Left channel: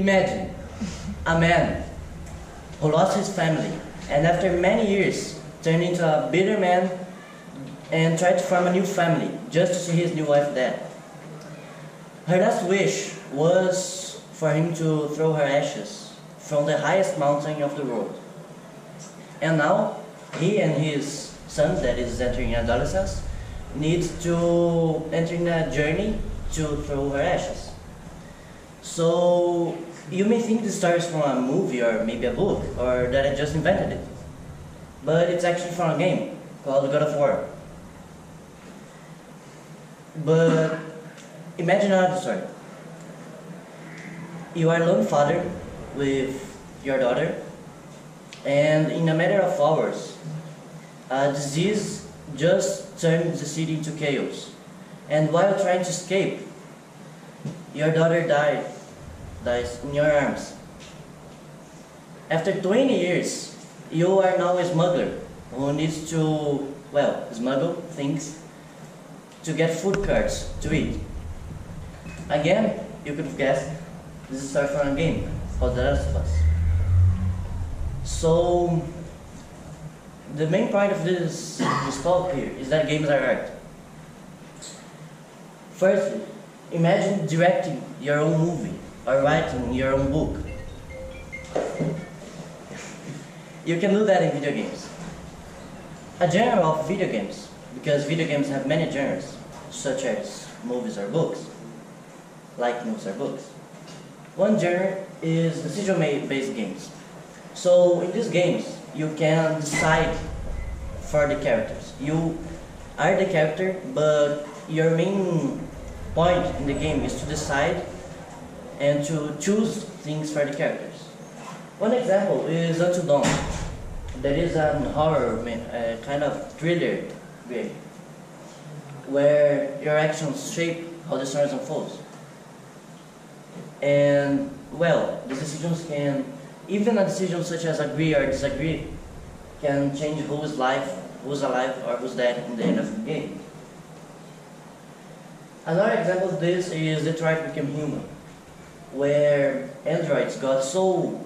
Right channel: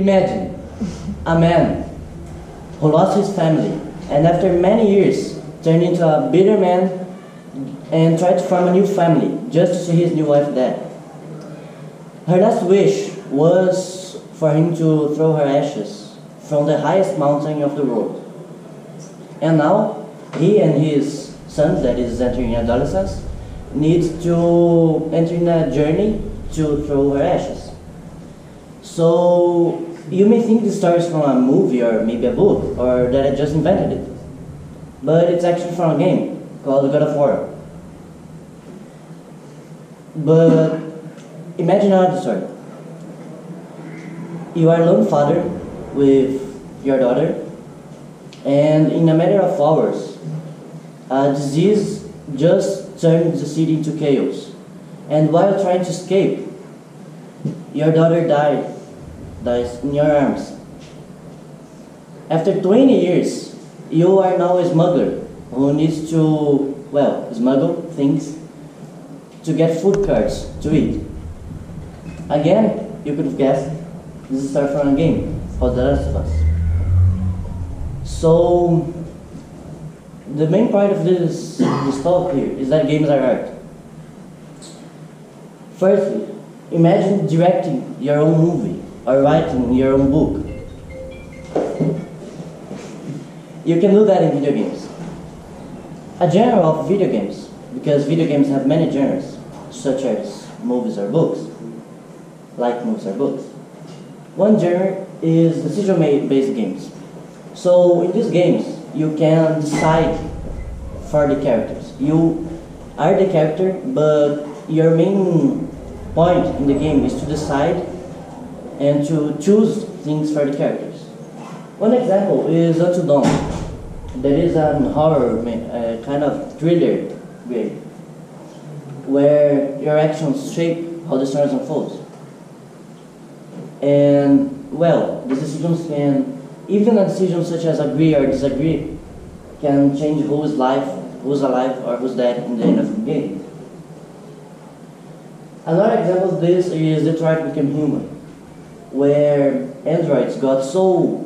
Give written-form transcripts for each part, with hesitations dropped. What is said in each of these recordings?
Imagine a man who lost his family and after many years turned into a bitter man and tried to form a new family just to see his new wife dead. Her last wish was for him to throw her ashes from the highest mountain of the world. And now he and his son, that is entering adolescence, needs to enter in a journey to throw her ashes. So you may think this story is from a movie or maybe a book or that I just invented it. But it's actually from a game called God of War. But imagine another story. You are a lone father with your daughter, and in a matter of hours, a disease just turned the city into chaos. And while trying to escape, your daughter dies in your arms. After 20 years, you are now a smuggler who needs to, well, smuggle things to get food cards to eat. Again, you could have guessed, this is a story from a game called The Last of Us. So, the main point of this talk here is that games are art. Firstly, imagine directing your own movie or writing your own book. You can do that in video games. A genre of video games, because video games have many genres, such as movies or books, like movies or books. One genre is decision-based games. So in these games, you can decide for the characters. You are the character, but your main point in the game is to decide and to choose things for the characters. One example is Until Dawn. That is a horror, kind of thriller game, where your actions shape how the story unfolds. And, well, the decisions can, even a decision such as agree or disagree, can change who's alive or who's dead in the end of the game. Another example of this is Detroit Become Human, where androids got so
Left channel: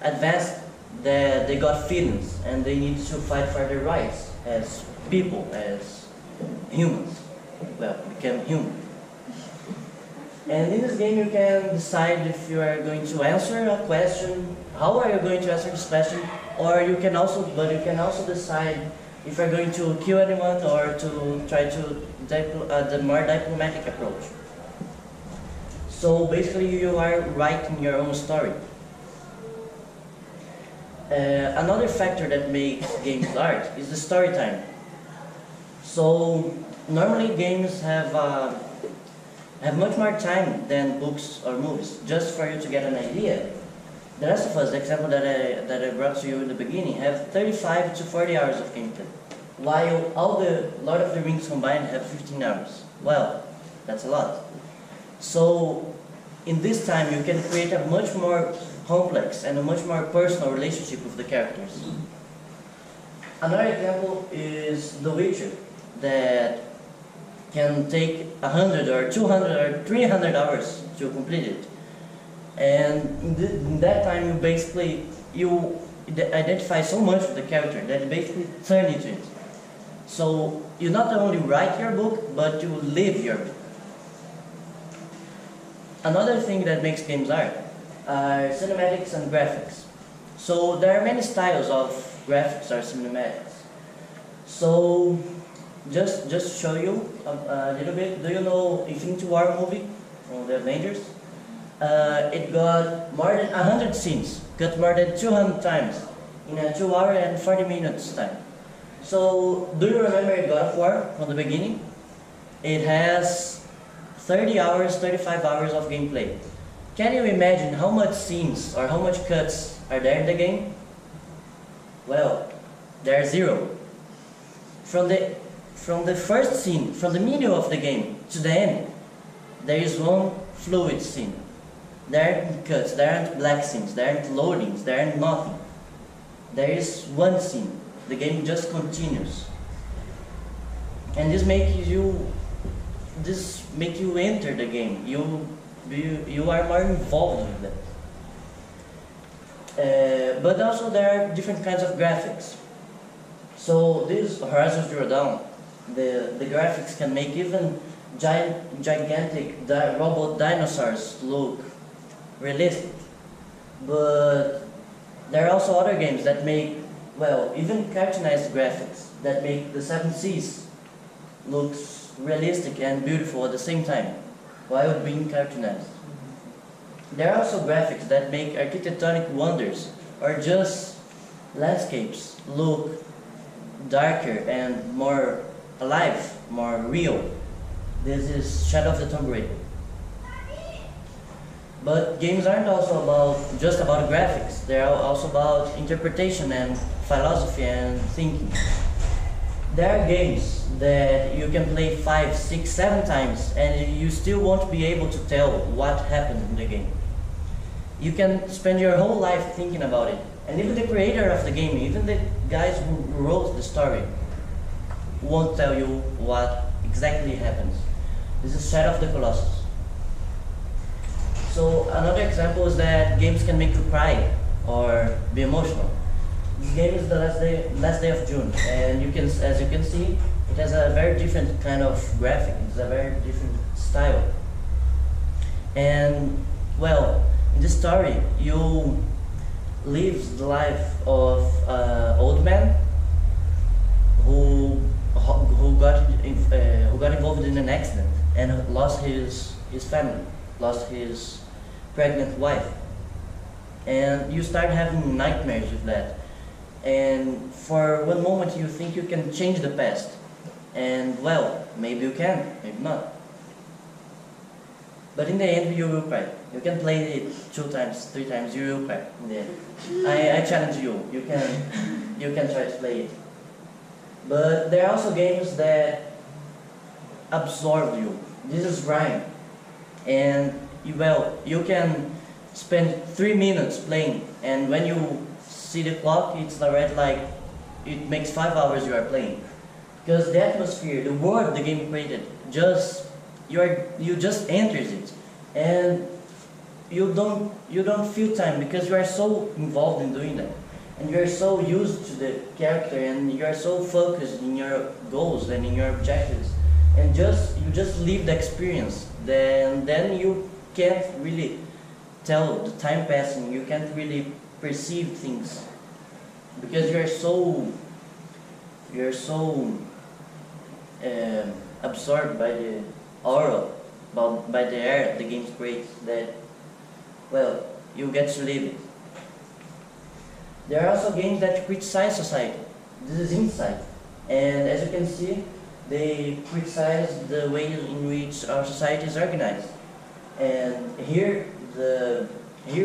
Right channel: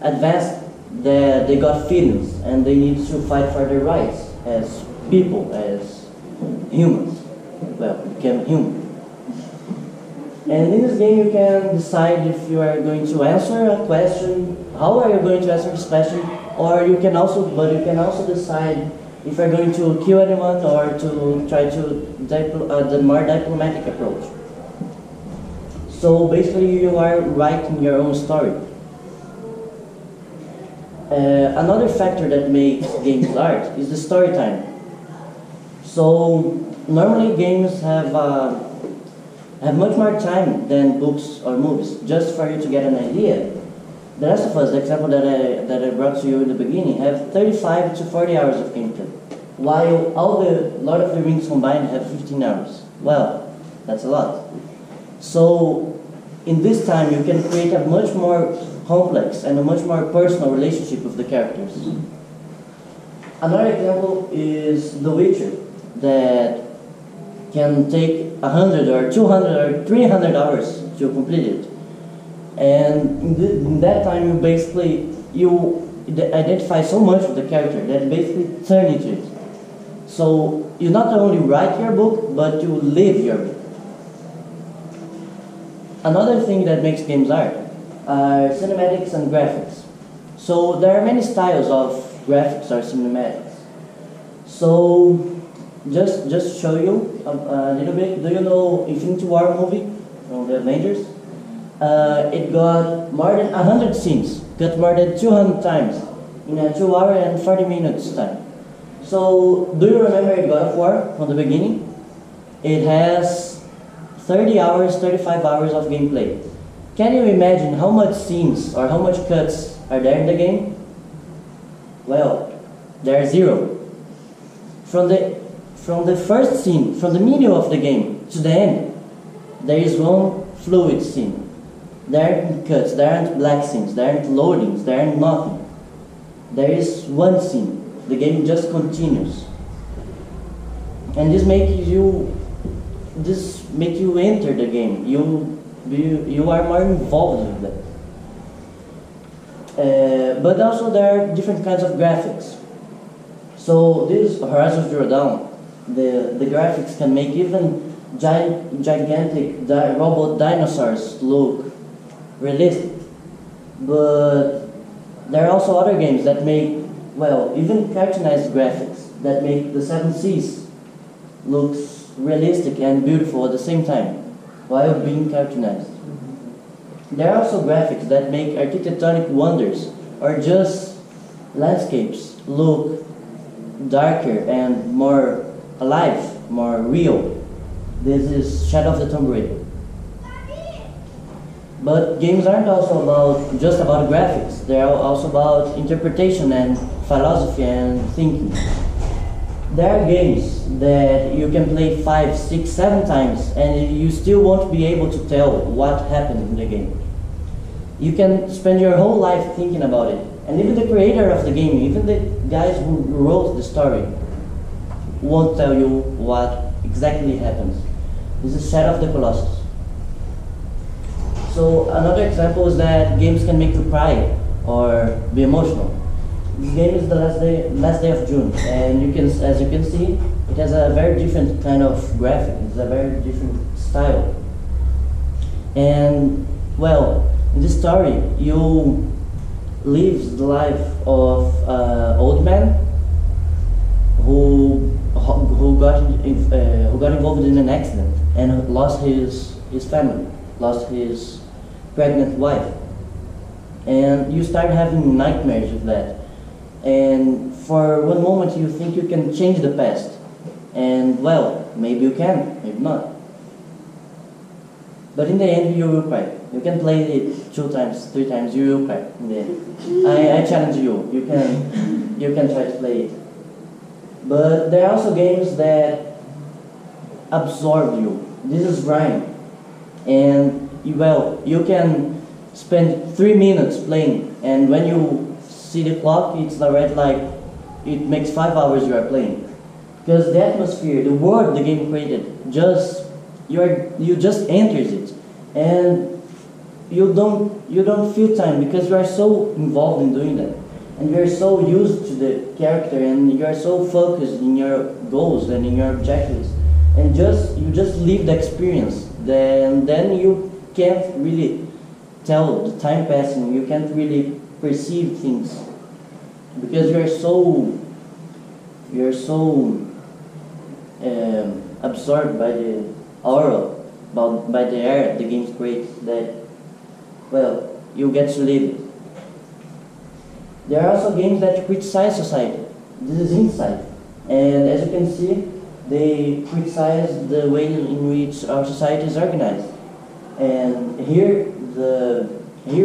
advanced that they got feelings and they need to fight for their rights as people, as humans. Well, become human. And in this game you can decide if you are going to answer a question, how are you going to answer this question, or you can also decide if you're going to kill anyone or to try to the more diplomatic approach. So basically you are writing your own story. Another factor that makes games art is the story time. So normally games have much more time than books or movies, just for you to get an idea. The Last of Us, the example that I brought to you in the beginning, have 35 to 40 hours of gameplay, while all the Lord of the Rings combined have 15 hours. Well, that's a lot. So in this time you can create a much more complex and a much more personal relationship with the characters. Another example is The Witcher, that can take 100 or 200 or 300 hours to complete it. And in that time you identify so much with the character that you basically turn into it. So you not only write your book, but you live your book. Another thing that makes games art are cinematics and graphics. So there are many styles of graphics or cinematics. So just to show you a little bit, do you know Infinity War movie from the Avengers? It got more than 100 scenes, cut more than 200 times in a 2 hour and 40 minutes time. So do you remember God of War from the beginning? It has 30 hours, 35 hours of gameplay. Can you imagine how much scenes or how much cuts are there in the game? Well, there are 0. From the first scene, from the middle of the game to the end, there is one fluid scene. There aren't cuts, there aren't black scenes, there aren't loadings, there aren't nothing. There is one scene. The game just continues. And this makes you enter the game. You you are more involved with that. But also there are different kinds of graphics. So this Horizon Zero Dawn, the graphics can make even gigantic robot dinosaurs look realistic. But there are also other games that make, well, even cartoonized graphics that make the Seven Seas looks realistic and beautiful at the same time, while being cartoonized. There are also graphics that make architectonic wonders or just landscapes look darker and more alive, more real. This is Shadow of the Tomb Raider. But games aren't also just about graphics. They are also about interpretation and philosophy and thinking. There are games that you can play 5, 6, 7 times and you still won't be able to tell what happened in the game. You can spend your whole life thinking about it. And even the creator of the game, even the guys who wrote the story, won't tell you what exactly happens. This is Shadow of the Colossus. So another example is that games can make you cry or be emotional. This game is the last day of June, and as you can see, it has a very different kind of graphic. It's a very different style. And well, in this story, you live the life of an old man who got involved in an accident and lost his family, lost his pregnant wife, and you start having nightmares with that. And for one moment you think you can change the past, and well, maybe you can, maybe not. But in the end you will cry. You can play it 2 times, 3 times, you will cry in the end. I challenge you, you can try to play it. But there are also games that absorb you. This is Rhyme. And you can spend 3 minutes playing, and when you see the clock, it's already like it makes 5 hours you are playing. Because the atmosphere, the world the game created, you just enters it, and you don't feel time because you are so involved in doing that, and you are so used to the character, and you are so focused in your goals and in your objectives, and you just live the experience. Then you can't really tell the time passing. You can't really perceive things because you're so absorbed by the aura, by the air the game creates, that well, you get to live it. There are also games that criticize society. This is Inside, and as you can see, they criticize the way in which our society is organized. And here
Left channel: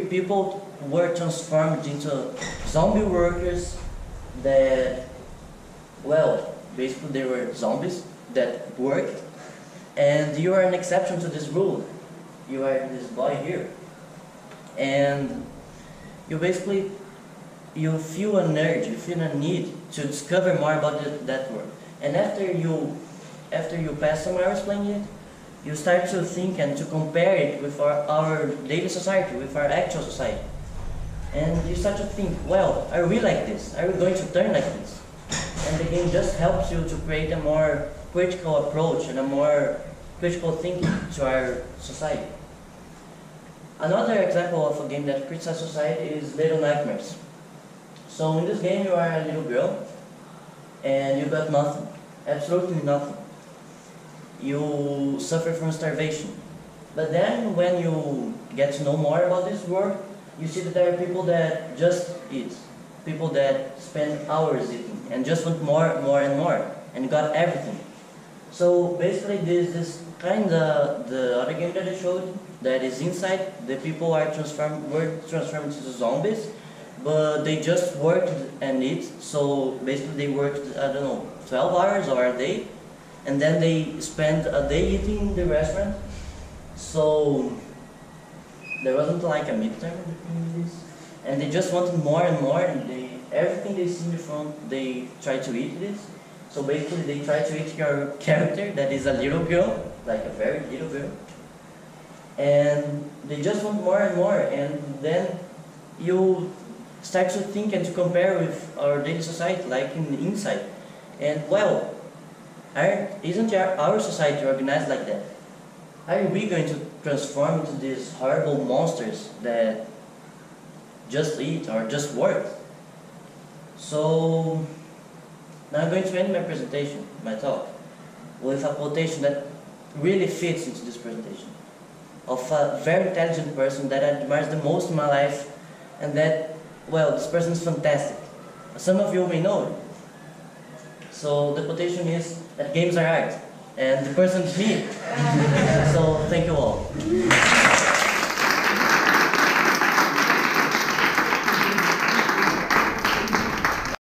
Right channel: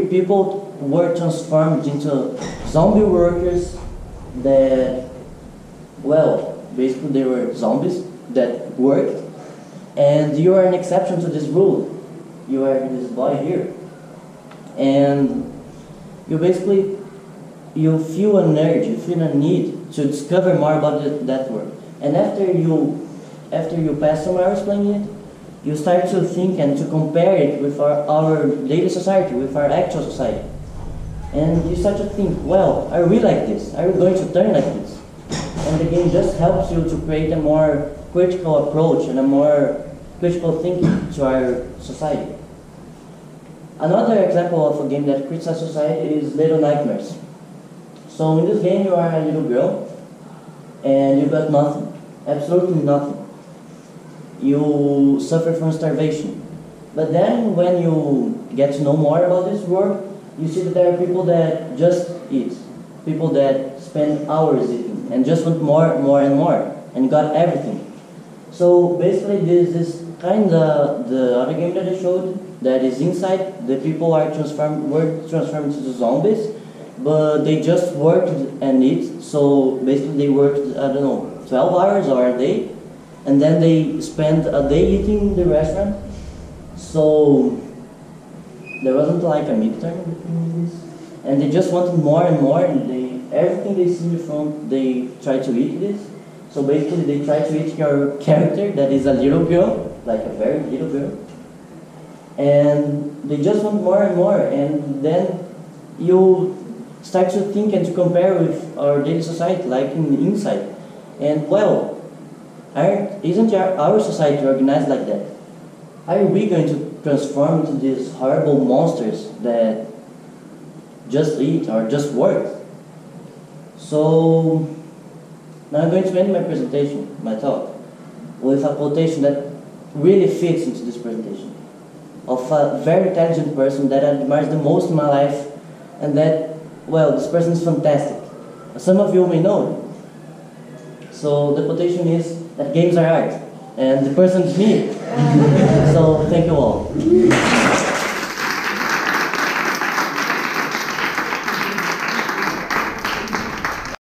people were transformed into zombie workers that, well, basically they were zombies that worked, and you are an exception to this rule. You are this boy here, and you feel an urge, you feel a need to discover more about that world. And after you pass some hours playing it, you start to think and to compare it with our daily society, with our actual society. And you start to think, well, are we like this? Are we going to turn like this? And the game just helps you to create a more critical approach and a more critical thinking to our society. Another example of a game that criticizes society is Little Nightmares. So in this game you are a little girl, and you got nothing, absolutely nothing. You suffer from starvation. But then when you get to know more about this world, you see that there are people that just eat, people that spend hours eating and just want more, more and more, and got everything. So basically this is kind of the other game that I showed, that is Inside. The people were transformed into zombies, but they just worked and eat. So basically they worked, I don't know, 12 hours or a day, and then they spent a day eating in the restaurant. So there wasn't like a midterm between this, and they just wanted more and more, and everything they see in the front, they try to eat this. So basically they try to eat your character that is a little girl, like a very little girl, and they just want more and more, and then you start to think and to compare with our daily society, like in the inside. And well, isn't our society organized like that? Are we going to transform into these horrible monsters that just eat or just work? So now I'm going to end my presentation, my talk, with a quotation that really fits into this presentation, of a very intelligent person that I admire the most in my life, and that, well, this person is fantastic. Some of you may know him. So the quotation is that games are art, and the person is me. So thank you all.